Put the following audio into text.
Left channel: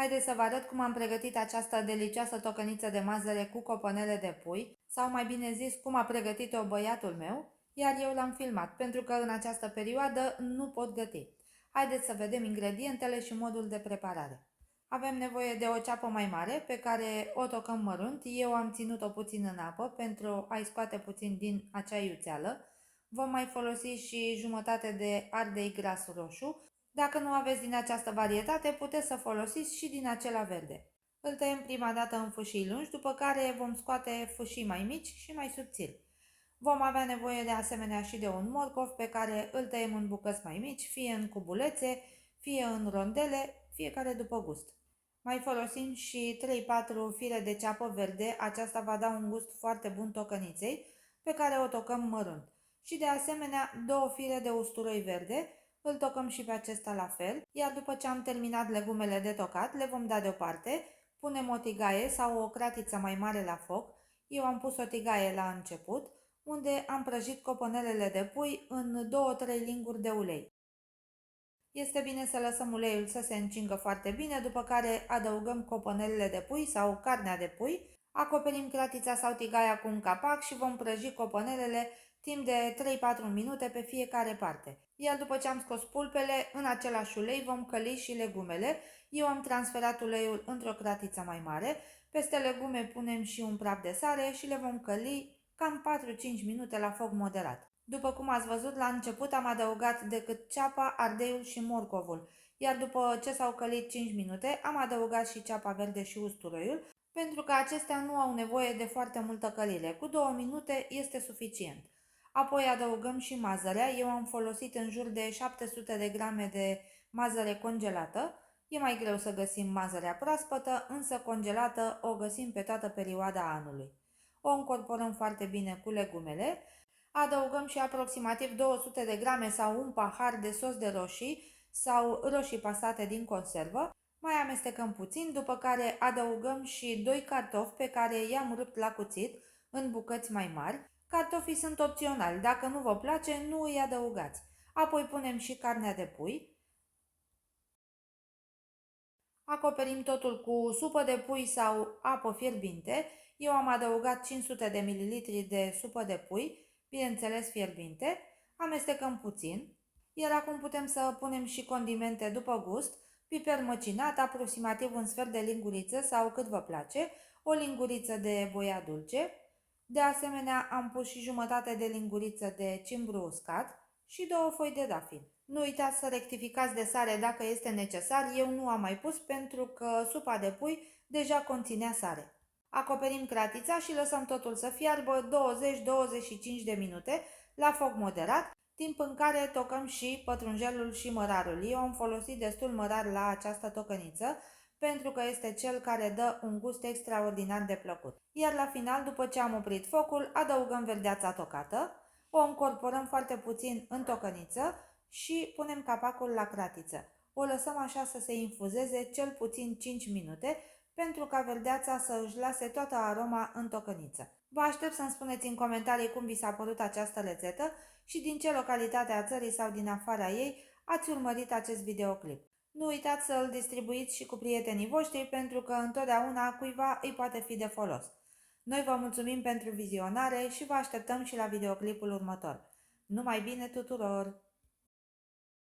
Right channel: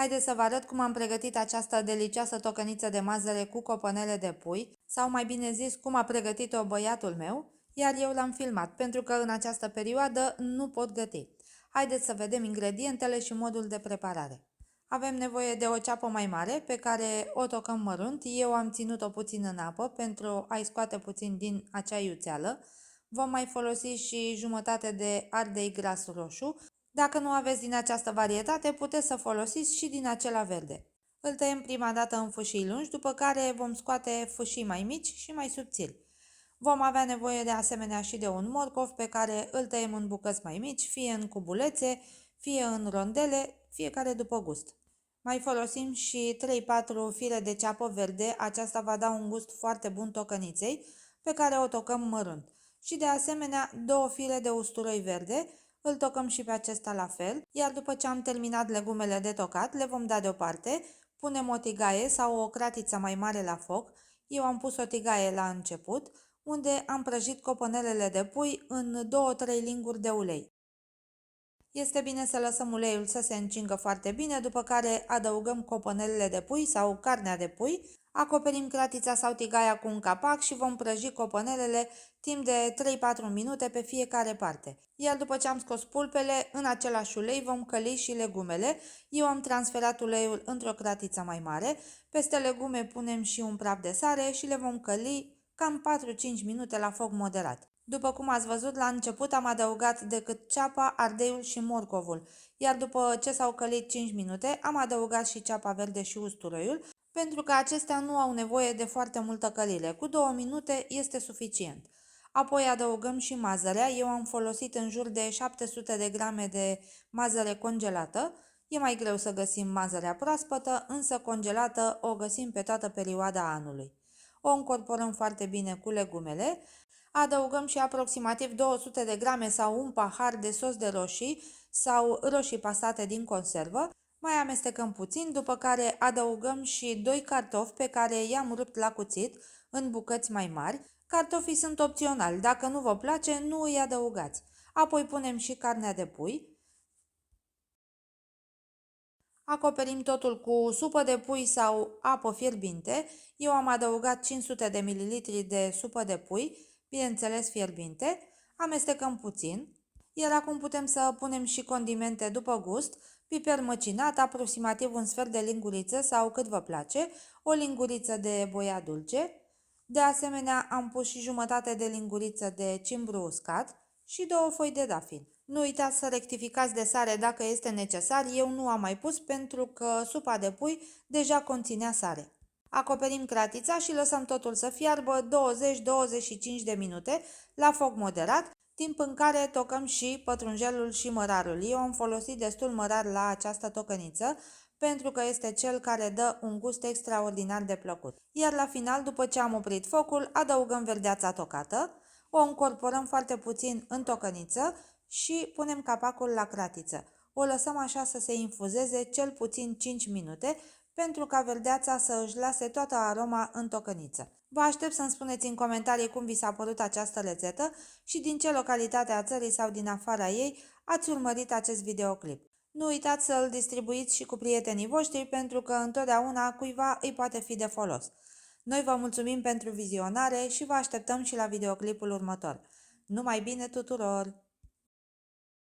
Haideți să vă arăt cum am pregătit această delicioasă tocăniță de mazăre cu coponele de pui, sau mai bine zis, cum a pregătit-o băiatul meu, iar eu l-am filmat, pentru că în această perioadă nu pot găti. Haideți să vedem ingredientele și modul de preparare. Avem nevoie de o ceapă mai mare, pe care o tocăm mărunt. Eu am ținut-o puțin în apă pentru a-i scoate puțin din acea iuțeală. Vom mai folosi și jumătate de ardei gras roșu. Dacă nu aveți din această varietate, puteți să folosiți și din acela verde. Îl tăiem prima dată în fâșii lungi, după care vom scoate fâșii mai mici și mai subțiri. Vom avea nevoie de asemenea și de un morcov pe care îl tăiem în bucăți mai mici, fie în cubulețe, fie în rondele, fiecare după gust. Mai folosim și 3-4 fire de ceapă verde, aceasta va da un gust foarte bun tocăniței, pe care o tocăm mărunt. Și de asemenea 2 fire de usturoi verde, îl tocăm și pe acesta la fel, iar după ce am terminat legumele de tocat, le vom da deoparte, punem o tigaie sau o cratiță mai mare la foc. Eu am pus o tigaie la început, unde am prăjit coponelele de pui în 2-3 linguri de ulei. Este bine să lăsăm uleiul să se încingă foarte bine, după care adăugăm coponelele de pui sau carnea de pui, acoperim cratița sau tigaia cu un capac și vom prăji coponelele timp de 3-4 minute pe fiecare parte. Iar după ce am scos pulpele, în același ulei vom căli și legumele. Eu am transferat uleiul într-o cratiță mai mare, peste legume punem și un praf de sare și le vom căli cam 4-5 minute la foc moderat. După cum ați văzut, la început am adăugat decât ceapa, ardeiul și morcovul, iar după ce s-au călit 5 minute, am adăugat și ceapa verde și usturoiul, pentru că acestea nu au nevoie de foarte multă călire. Cu 2 minute este suficient. Apoi adăugăm și mazărea. Eu am folosit în jur de 700 de grame de mazăre congelată. E mai greu să găsim mazărea proaspătă, însă congelată o găsim pe toată perioada anului. O încorporăm foarte bine cu legumele. Adăugăm și aproximativ 200 de grame sau un pahar de sos de roșii sau roșii pasate din conservă. Mai amestecăm puțin, după care adăugăm și 2 cartofi pe care i-am rupt la cuțit în bucăți mai mari. Cartofii sunt opționali, dacă nu vă place, nu îi adăugați. Apoi punem și carnea de pui. Acoperim totul cu supă de pui sau apă fierbinte. Eu am adăugat 500 de ml de supă de pui, bineînțeles fierbinte. Amestecăm puțin. Iar acum putem să punem și condimente după gust, piper măcinat, aproximativ un sfert de linguriță sau cât vă place, o linguriță de boia dulce. De asemenea, am pus și jumătate de linguriță de cimbru uscat și 2 foi de dafin. Nu uitați să rectificați de sare dacă este necesar, eu nu am mai pus pentru că supa de pui deja conținea sare. Acoperim cratița și lăsăm totul să fiarbă 20-25 de minute la foc moderat, timp în care tocăm și pătrunjelul și mărarul. Eu am folosit destul mărar la această tocăniță, pentru că este cel care dă un gust extraordinar de plăcut. Iar la final, după ce am oprit focul, adăugăm verdeața tocată, o încorporăm foarte puțin în tocăniță și punem capacul la cratiță. O lăsăm așa să se infuzeze cel puțin 5 minute, pentru ca verdeața să își lase toată aroma în tocăniță. Vă aștept să-mi spuneți în comentarii cum vi s-a părut această rețetă și din ce localitate a țării sau din afara ei ați urmărit acest videoclip. Nu uitați să îl distribuiți și cu prietenii voștri, pentru că întotdeauna cuiva îi poate fi de folos. Noi vă mulțumim pentru vizionare și vă așteptăm și la videoclipul următor. Numai bine tuturor!